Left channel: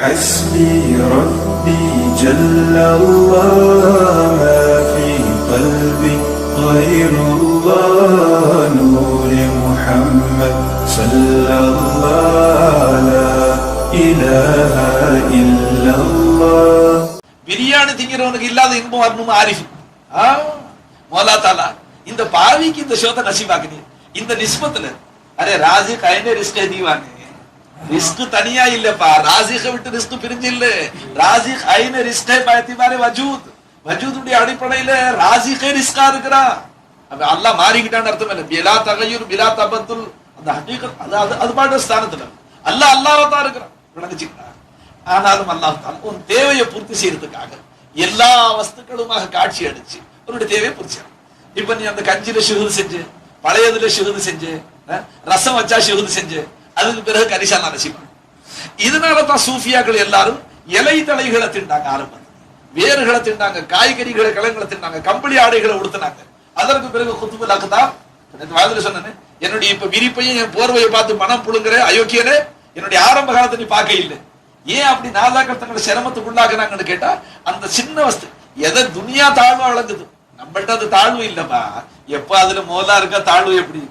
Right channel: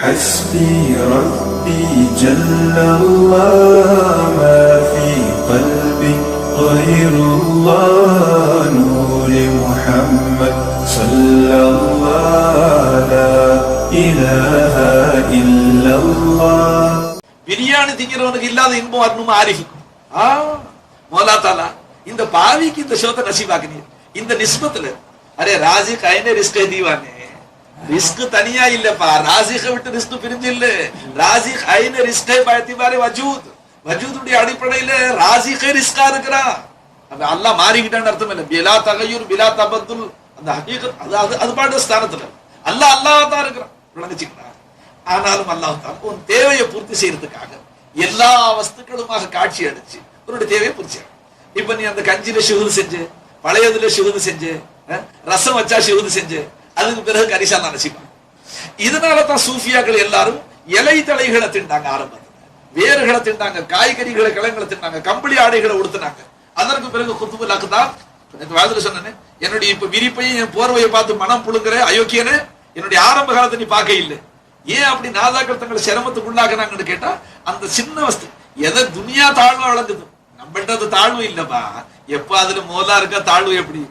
حسبي ربي جل الله ما في قلبي غير الله نور محمد صلى الله لا إله إلا الله பிரியாணி திங்கிறவனுக்கு இல்லாத இன்பம் வரணும் ஆரிஃபுக்கு ஆ மோலா தாலா இந்த பாவிக்கு இந்த ஷோத்தை நசீபாக்கினி இந்த நிஸ்பத்துல அரே ராஜி கைனே ரிஸ்க் தீவானே ரிஸ்க் தனியா இல்லப்பா. ராசிக விட்டு ரிஸ்க் பிரிஞ்சு இல்ல. ராசி கைனே ரிஸ்கே மாதிரி வஜூத். வஜூதுடைய அடிப்படையில ராசிகே ரிஸ்கா இருக்கிறா. அப்ப அல்லாஹ் மாறிக்கிட்டான்னு அர்த்தம் இல்லை. பிலா தகையூர் பிலா தபத்துல். அந்த ஹகீகத் அது அது அது பாட்டு ஸ்தானத்துல. அல்லாஹ் அல்லாஹ் தான் இருக்கிறான். விளங்கிச்சுக்கிட்டா ஆனாலும் அல்லாஹ் தாலா உன் தேவையை பூர்த்தி செய்யறதுக்காக எல்லா வஸ்துக்களுமாக காட்சி அடிச்சு உன்னுடைய தேவையை பூர்த்தி இப்ப நீ அந்த கஞ்சில சுகுது செஞ்சு பழையதுல சுகுது செஞ்சு ரசம் வச்சா சுகுது செஞ்சு அதுக்கு பிறகு கரிசா நான் இதனாலதான் சூஃபியாக்கள் எல்லாரும் இலை தலைகளை திண்டாங்க ஆரம்பம் வேர்களை திண்டாங்க காய்கறிகளை கிழங்களை திண்டாங்க கம்பளி ஆடைகளை உடுத்தினாங்க. அதற்கு பிறகு குத்துபுல்லாக்கு தான் வாதில சொன்னேன் என்னுடைய இப்ப விரிப்பையும் என் போர்வையை பார்த்து மனம் புழுங்குற அயோக்கியரே என்னுடைய ஆரம்ப காலத்தை நீ பார்க்க இல்லை. ஏன் அப்படி நாதாக்கள் தங்களை சிரமத்துக்கு உள்ளாக்குறாங்கன்னு கேட்டா அந்த சின்ன வஸ்து எதை துனியா தாழ்வு வழங்குது நம்மள்ட்ட அது தாழ்வு இல்லப்பா. எப்ப அதுல மோதா இருக்க தாழ்வு எப்படி?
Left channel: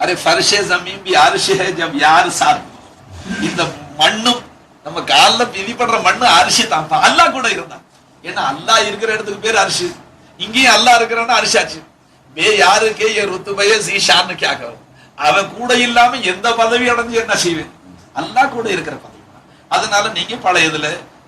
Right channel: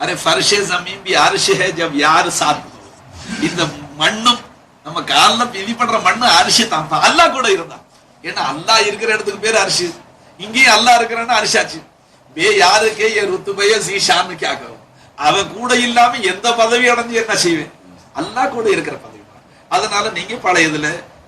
அரே ஃபர்ஷே ஜமீன் பி ஹே ஜப் யார் சாத் இந்த மண்ணும் நம்ம கால்ல விதிப்படுற மண்ணு அரிசி தான்ப்பா அல்லாஹ் கூட இருந்தான். ஏன்னா அல்லாஹ் இருக்கிற இடத்துக்கு பேர் அரிசி இங்கேயும் அல்லாஹ் இருக்கிறன்னா அரிசாச்சு பே யாருக்கு என் ருத்துபய சீஷான்னு கேட்க அவன் கூட இல்லாம எந்த பதவி அடைஞ்சு என்ன செய்வேன்? அல்லாஹ் கூட இருக்கிற பதவி அதனால நீங்க பழையதுல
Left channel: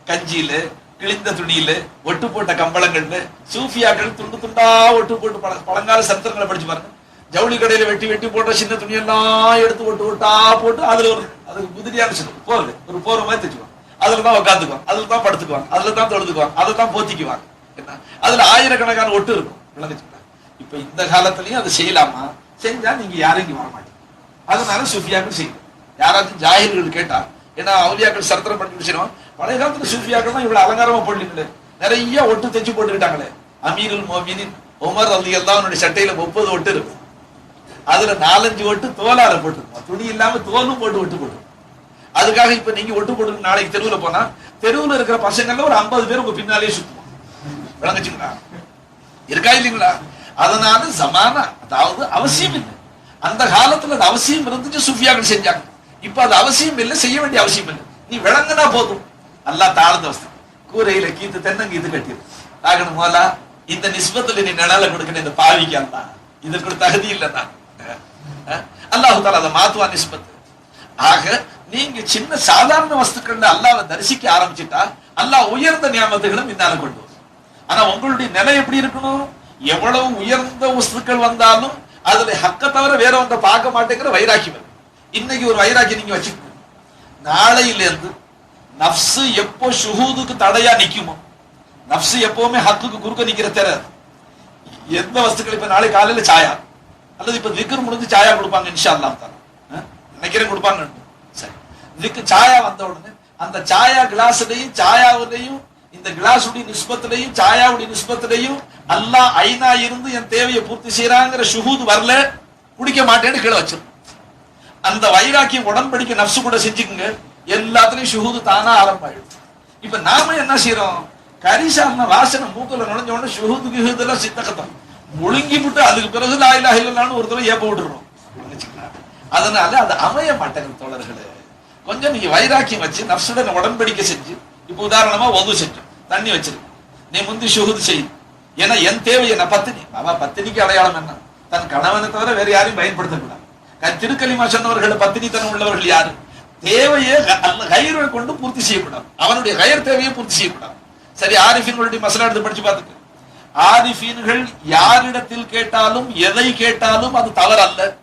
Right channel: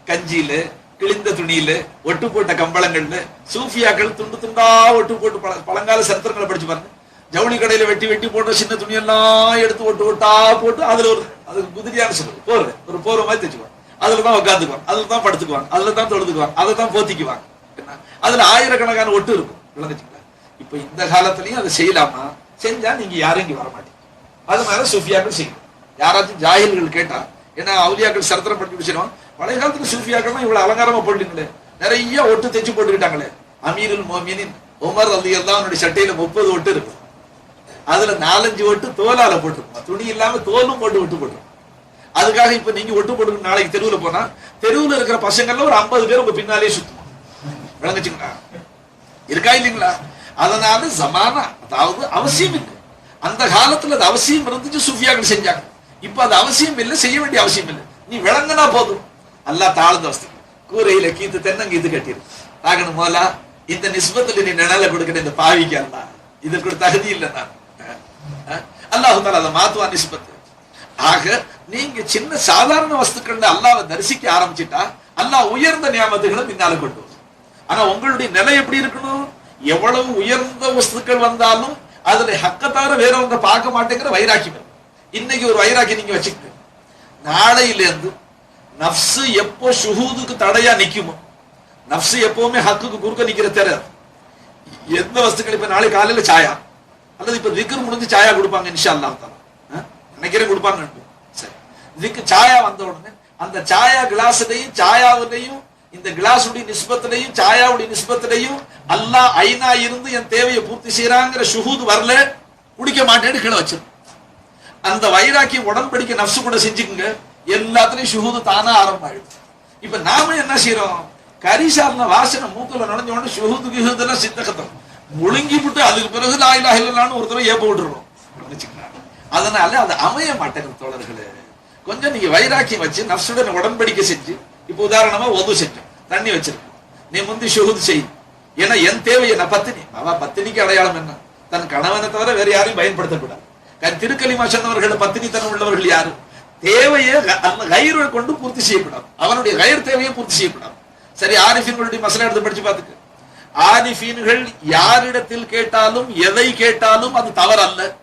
கஞ்சியில கிழிந்த துணியில ஒட்டு போட்ட கம்பளங்கள்ல சூஃபியாக்கள் துண்டு துண்டா ஒட்டு போட்டு பழங்கால சரித்திரங்களை படிச்சு பாருங்க. ஜவுளி கடையில வெட்டி வெட்டி போட்ட சின்ன துணியெல்லாம் எடுத்து ஒட்டு ஒட்டா போட்டு அதுல ஒரு அதுக்கு குதிரியான சொல்லு போர்வை ஒரு போர்வை மாதிரி தைச்சுக்குவாங்க. அதுல தான் உட்காந்துக்குவாங்க அதுல தான் படுத்துக்குவாங்க. அதுல தான் தொழுதுக்குவாங்க. அதுல தான் போத்திக்குவாங்க. என்ன? அதுல ஆயிரக்கணக்கான ஒட்டு இருக்கும். விளங்குச்சுங்களா இப்ப இந்த காலத்துலயும் அது செய்யலாமா? செஞ்சா நீங்க யாரும் இங்க வர மாட்டீங்க அதனால சுஃபியாக்கள் செய்யணும். யாராச்சும் ஜாகிர்கள் கேட்டா ஏன்னா அவுலியாக்கள் சரத்திரம் பண்ணி முடிச்சிடும் பழைய காலத்துல சுஃபியாக்கள் தான் இவ்வளவு அலங்காரமா போடலீங்களே. நிறைய ஒட்டு தைச்சு போட்டுக்கிட்டாங்களே. அமீருல் மோமினின் உமர் அலி எல்லாம் அவனுடைய சட்டையில முப்பது ஒட்டு இருக்கும் அதுல நாலஞ்சு ஒட்டு தோலால போட்டுருப்போம் துணி இல்லாம தோலும் போட்டு ஒட்டு போட்டுருப்போம் அதுக்காக இப்ப நீங்க ஒட்டு போட்டு நாளைக்கு தெருவுல போனா தெருவுல இருக்கிற பசங்கள்ல ஒரு ஐம்பது பேர் உங்க பின்னாலே சுத்துவோம் விளங்குச்சுங்களா? இருக்கா இல்லைங்களா? அதனால ஜமானா அதாவது அவசியம் இல்லை. அந்த காலத்துல அது அவசியம் இருந்துச்சு சுஃபியாக்கள் செஞ்சாங்க. இப்ப அது அவசியம் இல்லை செய்ய வேண்டிய அவசியம் இல்லை. நீ விளங்குனா போதும். எல்லாம் தாழ்ந்த வசதி கூரையில கீத்து தென்னங்கீத்து கட்டிடு ஆகணும் போலா இந்த நிஸ்பத்துல நீ நிழல கொடுக்கணும் இந்த பாவிக்கு அல்லா இதுக்கு தகுதி இல்லை நான் அல்லாஹு தாலா அதை மாத்துவான் நிஸ்பத். ஆக நீங்க சின்ன சாதாரண வஸ்துக்கள்ல அல்லாவை தரிசிக்க ஆரம்பிச்சிட்டா அல்லாஹ் உயர்ந்த நியமத்துகளும் பின்னால கொண்டு வரும். ஆனா உங்களுடைய நிலை எப்படி இருக்கணும்? எவ்வளவு உயர்ந்த வஸ்துக்கள் வந்தாலும் அதுல ஹக்க தவிர வேற ஒன்றை பார்க்க மாட்டேங்கிற வைராக்கியம் வரும். இன்னைக்கு ஒரு வைராக்கி நீங்க வச்சுக்கணும் நாளையில இருந்து நப்சு எப்போ சுகூதுக்கு தடையா நிக்குமோ நப்சு எப்பவுமே ஹக்குக்கு குறுக்க நிக்கிற தெரியாது எந்த வஸ்துக்கள் இப்ப நாளை காலையில சாயா? அல்லது இப்ப விக்ரம் முடிஞ்சு சாயா கொடுப்பாங்க இன்ஷா அல்லாஹ் தாலா நினைக்கிறேன் கொடுப்பாங்க. சரி. விக்கு சாயா வந்த உடனே அந்த சாயா கிளாஸ்லயும் சாயாவிலையும் இந்த கிளாஸுடைய நிஸ்பத்திலையும் சாயாவுடைய நிஸ்பத்திலையும் அல்லா ஐநா இருந்து என் தேவையை பூர்த்தி செய்யறாங்கிற சுகூது வரல. குடிக்க மாட்டேன்னு கீழே வச்சிரு. அந்த வைராக்கியம் உடன்படிக்கை நப்சு கூட செஞ்சுக்குங்க. எல்லாத்துலயும் ஷுஹூது தானா ஆரம்பமாயிடும் இப்ப நாம என்ன செய்யறோம் கரிசாரண வாசனை மூத்துல நுழைஞ்ச உடனே சுகூது கிஹூதெல்லாம் சித்தகத்தம் முழுங்கி விட்டு அதுக்கு பிறகு லாயிலா இல்லலான்னு ஒருத்தர ஏப்ப விட்டுறோம் அதனால அது அமைய மாட்டேங்குது தோழர்களே. கொஞ்சம் நீங்க வைராக்கியம் வச்சு நப்சுடன் உடன்படிக்கை செஞ்சு இப்ப உதாரணமா ஒது செஞ்சோம். தண்ணி வச்சிருக்கோம். நீ முந்தி சுகுது செய்யும் ஏன்னா என் தேவை என்ன? பத்தினி. பாபா பத்தினிக்கு அடையாளம் என்ன? தன் கணவனை தவிர வேற யாரையும் பயன்படுத்தக்கூடாது. தன் திருக்கலிமா சொன்னவர்கள் பத்தினித்தனம் உள்ளவர்கள் யாரும் தேவையை அந்த கயிறை கொண்டு பூர்த்தி செய்யக்கூடாது. அவனுடைய கயிறு தேவையை பூர்த்தி செய்யக்கூடாது. சரி ஆரிஃபின் மசலா எடுத்து படிச்சு பார்த்துக்க. ஆரிஃபீன்கள் யாரிடத்தில் கேட்டாலும் எதை கேட்டாலும் அது தவறல்ல.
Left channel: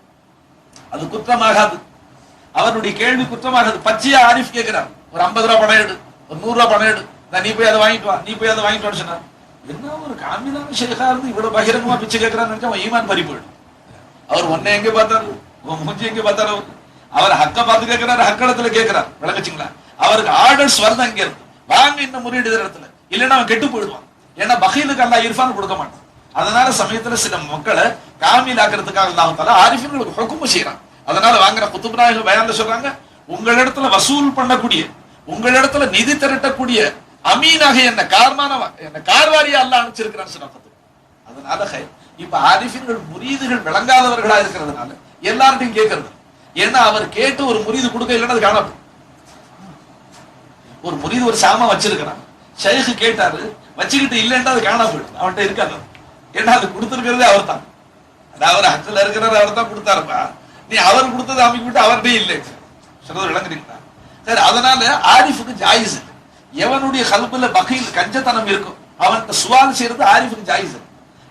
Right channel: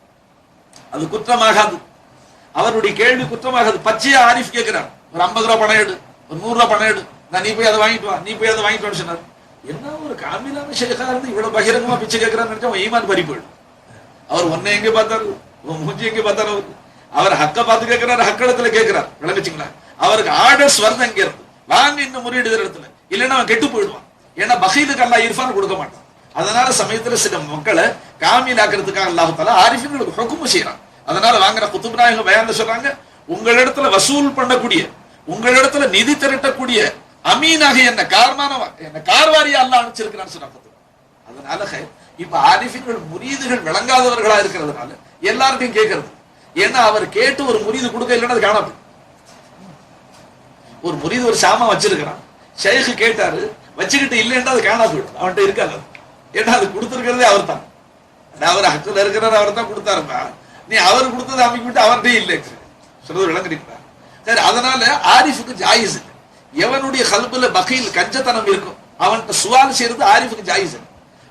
அது குற்றமாகாது. அவருடைய கேள்வி குற்றமாகாது. பச்சையா ஆரிஃப் கேட்கிறான் ஒரு ஐம்பது ரூபா பணம் எடு. ஒரு நூறு ரூபா பணம் எடு. நான் நீ போய் அதை வாங்கிட்டு வா நீ போய் அதை வாங்கிட்டு வான்னு சொன்னார். என்ன ஒரு காமிலான ஷேகா இருந்து இவ்வளவு பகிரங்கமா பிச்சை கேட்கிறான்னு நினைச்சா அவன் ஈமான் பறி போயிடும். அவர் ஒன்னை எங்க பார்த்தாரு? உன் மூஞ்சி எங்க பார்த்தாரு அவர்? அவர் ஹக்க பார்த்து கேட்கிறாரு ஹக்கடத்துல கேட்கிறார். விளங்குச்சுங்களா? அவருக்கு ஆர்டர்ஸ் வருது அங்க இருந்து. வாங்க இந்த முறையீடு இடத்துல. இல்லைன்னா அவன் கெட்டு போயிடுவான். ஏன்னா பகீலுக்கு அல்லா இர்ஃபான் கொடுக்க மாட்டான். அதனால சமயத்துல சில மக்களை காமிலாக்குறதுக்காக அல்லாஹ் தாலா ஆரிஃபின்களுக்கு ஹுக்குமு செய்யறான் அதனால வாங்குற குத்துப் நாயகம் பயான்ல சொல்றாங்க உங்களிடத்துல வசூல் பண்ணக்கூடிய உங்களிடத்துல நிதி திரட்டக்கூடிய அமீனாக என்ன கார்மான என்ன கார்வாரியா அல்ல அனுப்பிச்சிருக்கிறான்னு சொன்னா அதனால ஹை இப்ப ஆரிஃபின்கள் முரீதுகள் விளங்காதவர்களா இருக்கிறதுனால எல்லார்ட்டையும் கேட்கறது ஏன்னா அவர் கேட்டு ஒரு முறிது கொடுக்க இல்லைன்னா அது ஒரு முறிது ஒரு சாமம் வச்சிருக்கிறான். ஷேഖ് கேட்டாரு வச்சுக்கிட்டு இல்லைன்னா அது காணா போயிடும். அவன்கிட்ட இருக்காது ஏன்னா அது கொடுத்துருக்கிறதே அவர் தான் அவர் ஹக்கில் இருக்கிறவர் அவர் தான் கொடுத்தாருப்பா. நீ அவர் கொடுத்ததை அமைக்கிட்டு அவர்கிட்டயே இல்லை. சொல்றது விளங்குறீங்களா சரி அதனால ஆரிஃபுக்கு ஜாயிஸ். எவனுடைய கல்புல பகையில் கஞ்சத்தனம் இருக்கும் அவன்கிட்ட சுவால் செய்யறது ஆரிஃபுக்கு ஜாயிஸ்.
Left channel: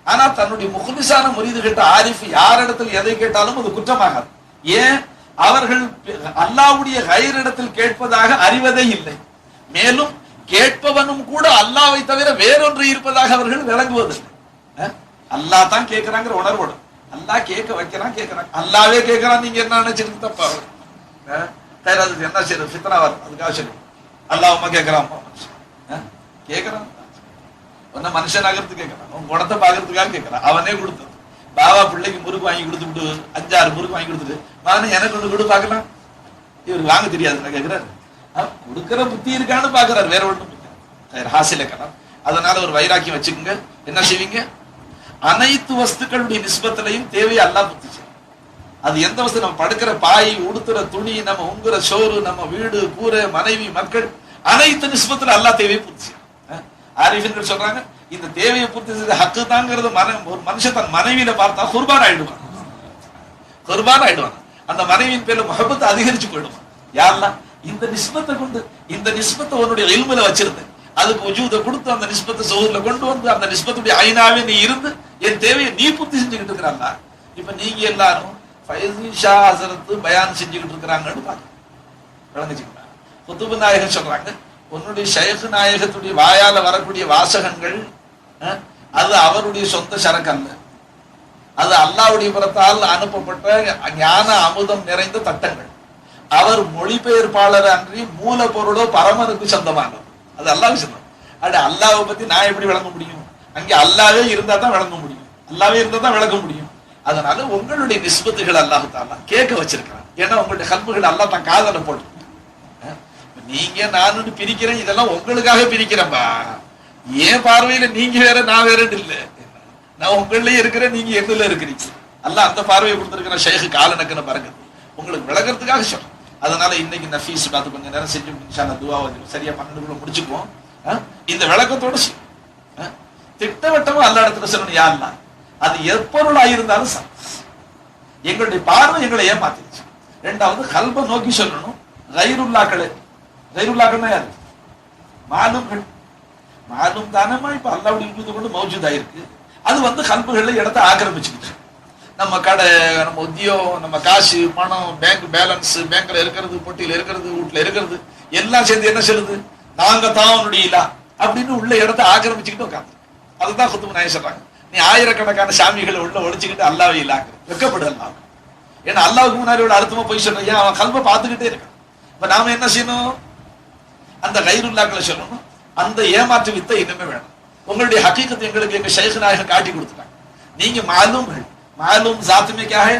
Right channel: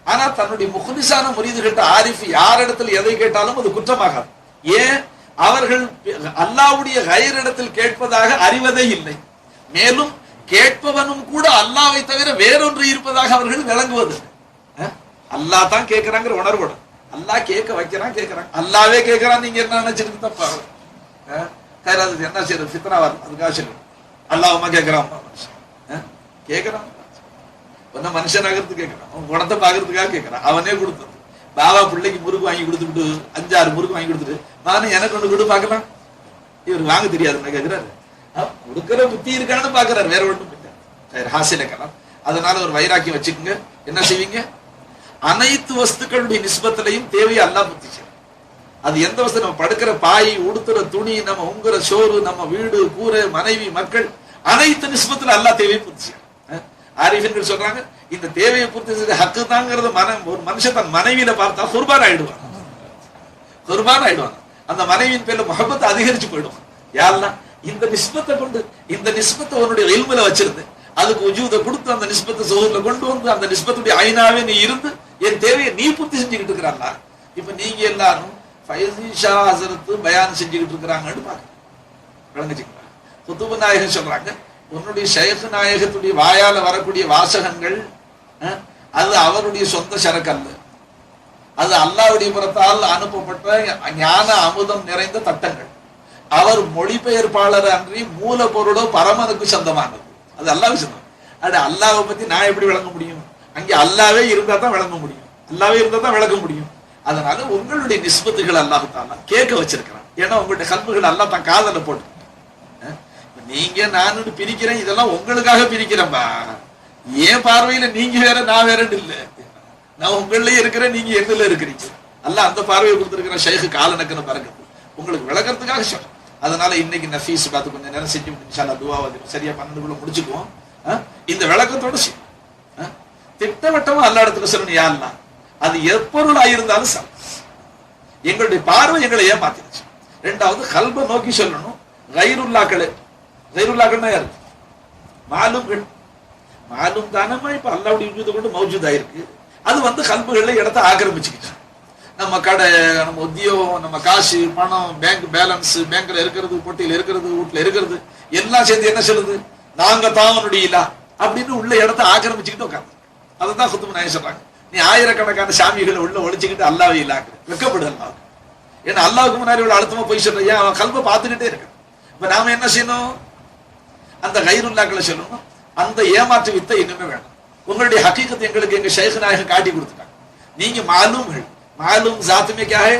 ஆனா தன்னுடைய முகுலிசான முறிது கேட்ட ஆரிஃப் யாரிடத்தில் எதை கேட்டாலும் அது குற்றமாகாது. ஏன்? அவர்கள் அல்லாவுடைய கயிறிடத்தில் கேட்பதாக அறிவதே இல்லை. மேலும் கேட்பவனும் கூட அல்லாவை தவிர வேறொன்று இருப்பதாக அவர்கள் விளங்குவதில்லை. அல்லா அல்லாஹ் தான் கேட்கிறாங்கிற உணர்வோட. அல்லாஹ் கேட்க வைக்கிறான் கேட்கிறான். அல்லாவே கேட்கிறான் நீங்க என்ன நினைச்சிருக்கு தப்பா? அஹ்? என்ன செய்யறது? ஃபித்னா வரும். அதுக்காக சரி அல்லாஹ்மா கேட்கிறான் கேட்கிறான். ஒன்னும் மனுஷனாகிறது கேட்கிறான். அவன் குணத்தை பாக்குறதுக்காக கேட்கறான். அவனே கொடுத்தது. பாபா பிள்ளைக்கு முறுக்கு வாங்கி கொடுத்துட்டு அஞ்சாறு முறுக்கு வாங்கி கொடுத்துட்டு மானு எனக்கு ஒன்று கொடு பார்க்கலாம். இவர் வாங்க தெரியாது கேட்கிறாரு? கொடுக்கிற புத்தி இருக்கான்னு பாக்குறாரு. வேற ஒண்ணும் இல்லை. ஹாசின கலாம். அதனால ஒரு வைராக்கியம் வச்சுக்கோங்க. என்ன செய்வீங்க? அனைத்து வஸ்துக்களுடைய நிஸ்பத்திலையும் தேவையை அல்லா புத்திச்சு அது எந்த வசதி நம்ம படுக்கிற பாய் உடுத்துற துணி நம்ம உங்குற சோறு நம்ம வீடு கூரை மனைவி மக்கள் அனைத்து நிஸ்பத்துல அல்லா தேவையை பூர்த்தி அஹ், ஆரிஃபின்கள் சொல்றாங்க இந்த தேவையை பூர்த்தி செய்த ஹக்கு தாங்கிறது மன ஒரு மனுஷன் தன் மனைவியில பார்த்தா குர்பான் ஆயிடுவான். குர்பான் ஆயிடுவான். அந்த மனைவியின் பேர்ல முகப்பத்தை அதிகரிச்சு போயிடுவான். யாரெல்லாம்? இந்த நிஸ்பத்தை கொண்டு இந்த நிஸ்பத்தை உன்னுடைய இல்முல வச்சிருந்து அதுக்கு உஜூத கொடுத்து அந்த நிஸ்பத்தை சோதனை கொண்டு வந்து அந்த நிஸ்பத்துடைய ஐநாவே நீ இருந்து என் தேவையை நீ பூர்த்தி செஞ்சுக்கிட்டு இருக்கிறாங்களா இப்ப நீங்க எல்லாரும் ஃபைசி ஷா ஹசரத்து பயான் செஞ்சுக்கிட்டு இருக்கிறாங்கன்னு பாருங்க விளங்குச்சுங்களா? குத்துப நாயகன் சொல்றாங்க உன்னுடைய ஷேഖ് நாயகத்துடைய வாயால வரக்கூடிய வாசகங்கள் அது அவருடைய சொந்த சரக்கு அல்ல அது அல்லாவுடைய புறத்தால் அனுப்பப்பட்ட ஞான அமுதம் நிறைந்த தட்டங்கள். அவர் மொழிபெயர்ப்பாளர் அன்றி மூலப்பொருளோ பரமனுக்கு சொந்தமானது அது அல்லாஹ் சொன்னார். அது அல்லாவை பத்தி நான் எப்படி விளங்க முடியும்? அங்கே அல்லாவே இருந்தா தான் விளங்க முடியும். அல்லாவே இருந்தா தான் விளங்க முடியும். அதனால உங்களுடைய நிஸ்பத்துகள் அல்லாஹ் கேட்க வச்சிருக்கிறான். ஏன்னா உங்களுடைய கல்புகள் அல்லாஹ் தான் காதல போட்டு. நீங்க நான் பிரிக்கிறேன் இதெல்லாம் உங்களுக்காக பிரிக்கிறேன்பா. ஏன் பார்வையில நீங்க வேற நான் வேற இல்ல. நான் உங்கள்லயே இருக்கிறேன் நீங்க எங்கல இருக்கிறீங்க. அல்ல அந்த பார்வையை கொடுத்திருக்கிற ஷேகு கால நக்கிற பாருங்க உங்களுக்கு விளக்குறதுக்காக சொல்றேன். அதனால இன்னைக்கு இந்த ஃபீஸ் பார்த்து கொஞ்ச நேரம் செஞ்சு முடிஞ்சால துவா வந்து சரியா பன்னெண்டுக்குள்ள முடிச்சுக்குவோம். இந்த விளக்கத்தோட செய்யும் திட்டவட்டமா அல்ல இடத்துல சொல்லணும் யாருன்னா? அது எப்பொருள் ஆயிருந்தாலும் எங்களுடைய பார்வை எங்களை ஏமாத்திருச்சு ரெண்டாவது கல்ப நோக்கி சொல்லணும். ரைருல்லாக்களே ரைருல்லாக்கள்னா யாரு? மாலும்கள் மாலும் தானமா இப்ப அல்லாவுடைய விஜூதை கொண்டு மௌஜூதா இருக்கு அது வந்து கல்புகளில் இடத்தை ஆக்கிரமிச்சுக்கிச்சு. நம்ம கடை நம்ம உத்தியோகம் நம்ம காசு பணம் பேங்க் பேலன்ஸ் பேங்க்ல இருக்கிறது பொட்டியில இருக்கிறது வீட்டுல இருக்கிறது எல்லாம் சேர்ந்து என்ன சொல்லுது? நாங்க தான் உன்னுடைய இல்லா. அப்படின்னு உள்ள இடத்த ஆக்கிரமிச்சுக்கிட்டு உட்காந்து அதுதான் சுத்தம் நாய சொல்றாங்க. நீ ஆயிரக்கணக்கான சாமிகளை உள்ள ஒழிச்சுக்கிட்டு அல்லாவே இல்லாக்கு. வெக்கப்படு அல்லாஹ் ஏன்னா அல்லாவுக்கு முன்னாடி உள்ள அழுத்தமா போய் சொல்றையா அவன் கல்பை பார்த்துக்கிட்டே இருக்கான்? இப்ப நாம என்ன செய்யணும்? அந்த கயிறுல்லாக்களை சொல்லணும். அந்த ஏமாற்று வித்தை இன்னுமே வேணும். உங்களுடைய ஹக்கீக்கத்தை எங்களுக்கு எங்க ஷேഖ് நாயகன் காட்டி கொடுத்துட்டாங்க. நீங்க மாலும் मालूम जात में क्या है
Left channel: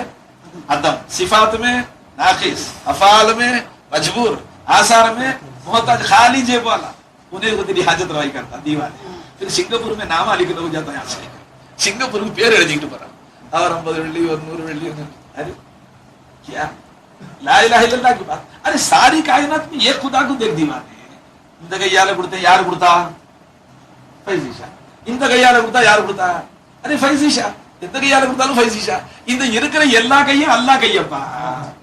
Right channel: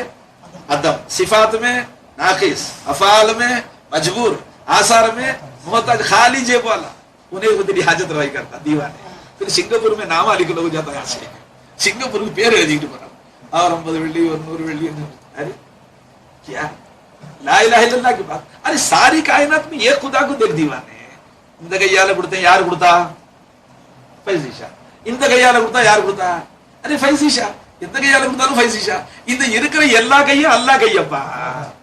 अदम सिफात में नाकिस अफाल में मजबूर आसार में मोहताज खाली जेब वाला उन्हें को तेरी हाजत रवाई करता दीवाने फिर सिंगापुर में नाम लिख लो जाता है आश्रय सिंगापुर में பேர் எழுதிட்டு போறாங்க அவர் ஐம்பது வெள்ளி ஒரு நூறு வெள்ளி अरे क्या ला इलाहा इल्लल्लाह की बात अरे सारी कायनात में ये खुदा को देख दीवाने இந்த கையால கொடுத்தேன் யாரு கொடுத்தா ஃபைசிஷா இந்த கையால கொடுத்தா யாரு கொடுத்தா அரே ஃபைசிஷா எந்த கையால கொடுத்தாலும் ஃபைசிஷா இந்த இருக்கிற எல்லா கையும் அல்லா கையப்பா.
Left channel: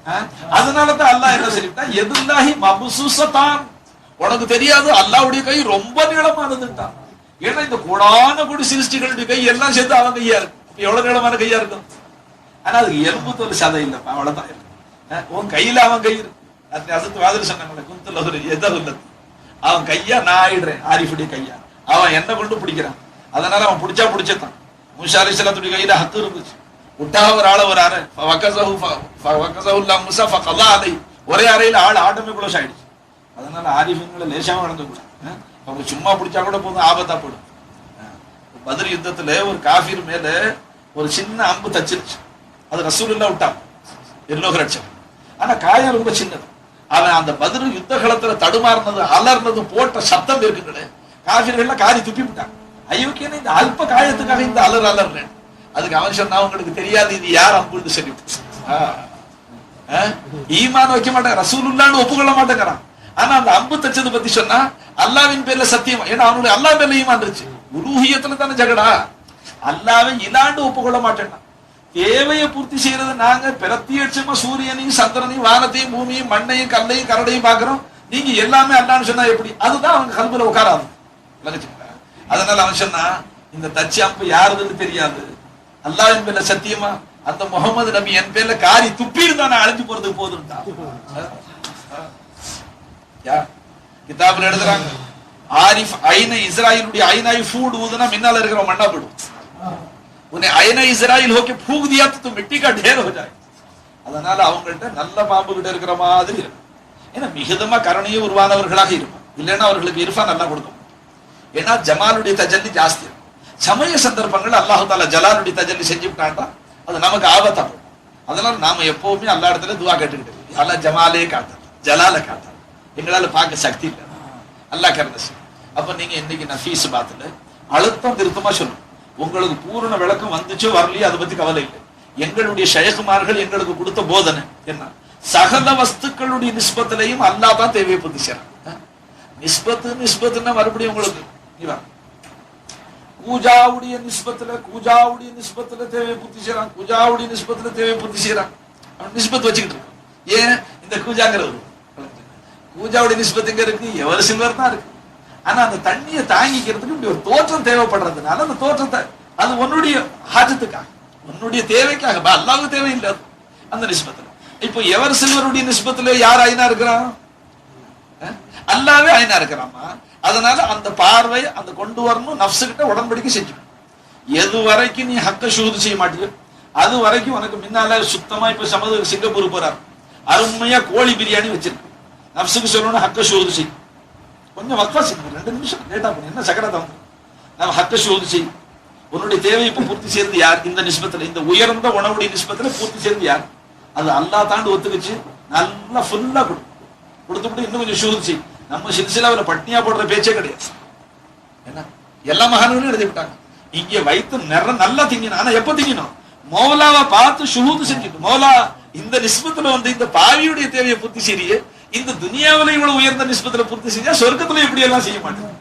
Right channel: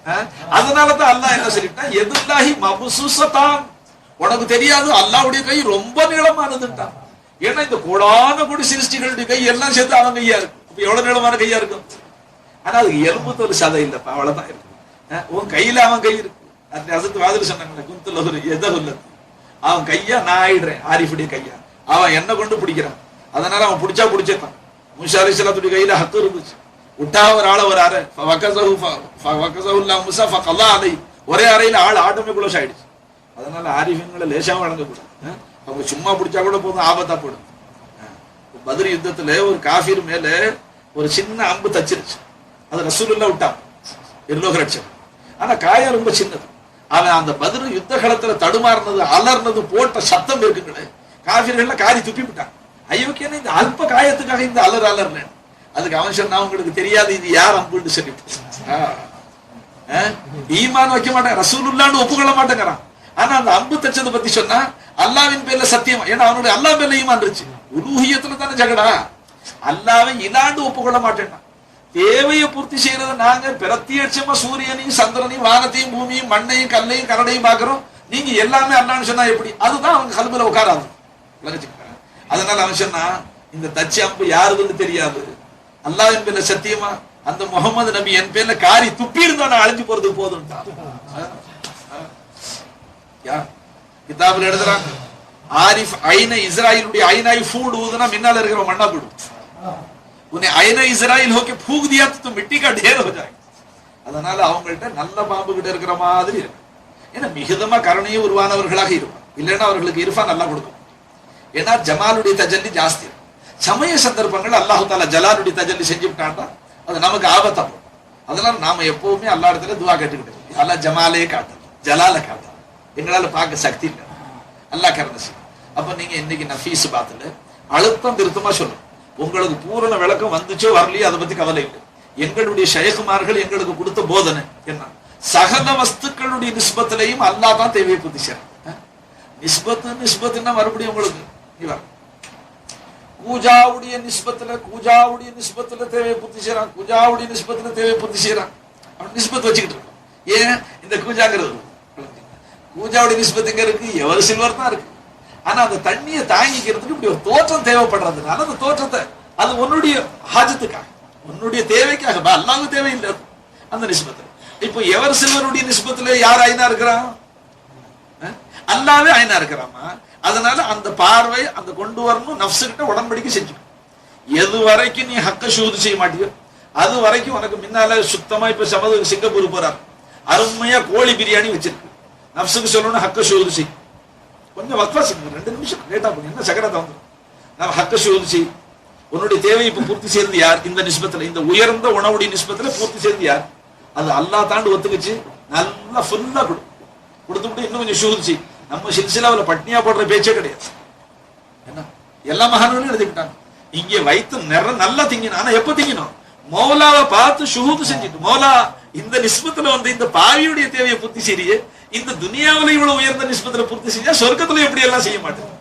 அஹ்? அதனாலதான் அல்லாஹ் என்ன சொல்லிட்டான் எதுல்லாஹி மபுசூசத்தான். உனக்கு தெரியாது அல்லாவுடைய கை ரொம்ப நீளமானதுட்டான் ஏன்னா இந்த கூடான கூடி சிருஷ்டிகளுடைய கை எல்லாம் சேர்த்து அவன் கையா இருக்கு. இப்ப எவ்வளவு நீளமான கையா இருக்கும்? ஆனா அதுக்கு எலும்புத்து ஒரு சதை இல்லப்பா அவ்வளவுதான் இருக்கு. அஹ்? உன் கையில அவன் கை இருக்கு. அது அதுக்கு மாதிரி சொன்னாங்கல்ல குத்துல ஒரு எதகுல்லது அவன் கையா நான் ஆயிடுறேன் ஆரிஃபுடைய கையா. அவன் என்ன கொண்டு பிடிக்கிறான். அதனால அவன் பிடிச்சா பிடிச்சதான் முசா அலி சலாத்துடைய கையில ஹத்து இருந்துச்சு. விட்டாம ஒரு ஆளை ஒரு அறை முசா ஃபகல்லா அலை. ஒரே அறையில ஆள் ஆட்டமே குளோஸ் ஆயிடுச்சு. அதனால ஆரிஃபின்களை லேசாவும் வழங்கக்கூடாது அவங்க சும்மா பிடிச்சா கூட போதும் ஆபத்தா போடும். அஹ். யுத்தத்துல ஒரு காஃபீர் மேல ஒரு சின்ன அம்பு தச்சிருச்சு. அது ரசூலுல்லா விட்டான் எல்லோக லட்சம். ஆனா காயம் ரொம்ப சின்னது. அவன் அந்த பதில் யுத்த களத்துல தடுமாறினது அலர்னது போட்ட சத்தம் இருக்குங்களே. காஃபீர்கள்லாம் காரி துப்பி விட்டான் ஐயோக்கியன்னு இந்த அல்ப காயத்துக்காக இந்த அலர் அலர்னேன் அதுக்கு அவன் சொன்னா உங்களுக்கு தெரியாது இது யார் அம்புன்னு சொல்லி ஈமான் வைக்க மாட்டேன் ரசூலுல்லான்னு ஒப்புக்கொள்ள மாட்டேங்கிறான். ஆனா அந்த அம்பு தச்சது பத்தி சொன்னா அல்லாவின் பேர்ல சத்தியம் ஏன்னா அவனுடைய அல்லா பேர்ல ஈமான் இருந்துச்சு. உருகியத்துல தானே ஜகடா. அல்லாவை இலாண்டு ஒப்புக்கொள்ள மாட்டேன்னா தேவையை பூர்த்தி செய்யறது நாங்க பிரத்யட்சமா சூரியனையும் சந்திரனையும் வானத்தையும் பூமியும் மண்ணையும் கல்லையும் கரடையும் பாக்குறோம் நீங்க எல்லாமே அல்லான்னு சொன்னா எப்படி? அதுதான் அவங்க கல்வில உட்காராது. விளங்குச்சுங்களா அதனால அவன் சொன்னா இந்த தச்சு அம்பு யாருதுன்னு தெரியாது அல்லாவின் பேர்ல சத்தியமா அந்த முகமது நபி என் பேர்ல காரி துப்பி இருந்தா நான் அழிஞ்சு போறது போதும் கிதாபுல எழுதுறாங்க ஆரிஃப் ஐன இஸ்ராயிலுடைய ஐனாய் ஃபூட் ஊதுனா முன்னால இருக்கிற மண்ணா போடும் உன்னை அயன இஸ்ராயில் ஹோக்கி ஃபூக் தியா तो मिट्टी का ढेर हो जाए அதனால அவங்கள்ட்ட நல்ல பாம்பு கிட்ட இருக்கிற மாதிரி இருக்கும். ஏன்னா மிகுதமா கருணையும் உருவானவர்களாக இருப்பான் இல்லைன்னா அவர்களுக்கு இருஃபா நல்லா கொடுக்கும் ஏன்னா ஜமாலுடைய தஜல்லி ஜாஸ்தி. சமய சந்தர்ப்பங்கள் அல்லாஹு தாலா ஜலாலுடைய தஜல்லி செஞ்சுட்டான்டா அது நமக்கு ஆபத்தாகும் அதனால நாம எப்பவுமே அல்லா இடத்துல துவா கட்டிக்கிட்டு அல்லா ஜமாலே காட்டாது ஜலால காட்டாது எங்களால பார்க்க சக்தி இல்லை. அல்லாஹ் கருணை செய்யும். அப்ப நீங்க இன்னைக்கு நான் ஃபீஸ் பாத்துல அழுத்தம் திருத்தமா சொல்லணும். உங்களுக்கு பூரண விளக்கம் வந்துச்சோ வரலையோ அதை பத்தி கவலை இல்லை. எங்களுடைய ஷயகுமார்கள் எங்களுக்கு கொடுத்த போதனை என்ன? சகல வஸ்துக்களுடைய நிஸ்பத்திலையும் அல்லா தான் தேவையை பூர்த்தி நிஸ்பத்து நிஸ்பத்துன்னா மறுபடியும் உங்களுக்கு கூஜாவுடைய நிஸ்பத்துல கூஜாவுடைய நிஸ்பத்துல தேவையை பூர்த்தி செய்யறான் கூஜாவுடைய நிஸ்பத்துல தேவையை பூர்த்தி செய்யறான் அவன் நிஸ்பத் வச்சுக்கிட்டு இருக்கான். ஏன்? இந்த கூஜாங்கிறது கூஜாவுடைய நிஸ்பத்துங்க இருக்கு? எவர் சில்வர் தான் இருக்கு. ஆனா அந்த தண்ணியை தாங்கிக்கிறதுக்கு இப்படி ஒரு தோற்றம் தேவைப்படுறதுனால அந்த தோற்றத்தை அது உன்னுடைய ஹாஜத்துக்காக உன்னுடைய தேவைக்காக பா, தேவை இல்லை அந்த நிஸ்பத்து. இப்போ எவர் சில்வருடைய நிஸ்பத்துல யார் ஐநா இருக்கிறான்? அஹ்? அல்லாவே ஐநா இருக்கிறாமா? அதனால அந்த பார்வை அந்த கொண்டு வரணும் நப்சுகிட்ட உடன்படிக்கை செஞ்சு எது வரைக்கும் நீ ஹக்க ஷூது செய்ய மாட்டியோ அது வரைக்கும் உனக்கு முன்னால சுத்தமா இப்ப சமது சிங்கப்பூர் போறார். அருமையா கோழி பிரியாணி வச்சிருக்கு. நப்சுக்கு சொல்லணும் ஹக்க ஷூது செய். கொஞ்சம் வக்வா செய்யும் ரெண்டு நிமிஷம் கேட்டா என்ன சக்கரத்தை வந்து? நம்ம ஹக்க ஷூது செய். உன்னுடைய தேவை இப்ப பூர்த்தி சேர்ந்து யார்? இந்த நிஸ்பத்துல இந்த உயர்ந்த உணவுடைய நிஸ்பத்துல பூர்த்தி சேர்ந்து யார்? அது அல்லா தாண்டு ஒத்துக்குச்சு. நல்லா ஃபுல்லா கொடு. கொடுத்துட்டு இன்னும் கொஞ்சம் சூது செய். நம்ம சில்சிலாவுல பட்னியா போடுற பேச்சே கிடையாது. என்ன? எல்லா மகான்களும் எழுதி விட்டாங்க. இங்கே வைத்து நிற நல்லா திங்கணும் ஆனா எப்ப திங்கணும் மௌலாவை பார்த்து ஷுஹூது செஞ்சுட்டு மௌலா இந்த நிஸ்பத்துல வந்து இந்த பாவியுடைய தேவையை பூர்த்தி செய்ய இந்த துனியாவில இவ்வளவு உயர்ந்த நிஸ்பத்துல பூர்த்தி செய்யா சொர்க்கத்துல எப்படி எல்லாம் செய்ய மாட்டேன்.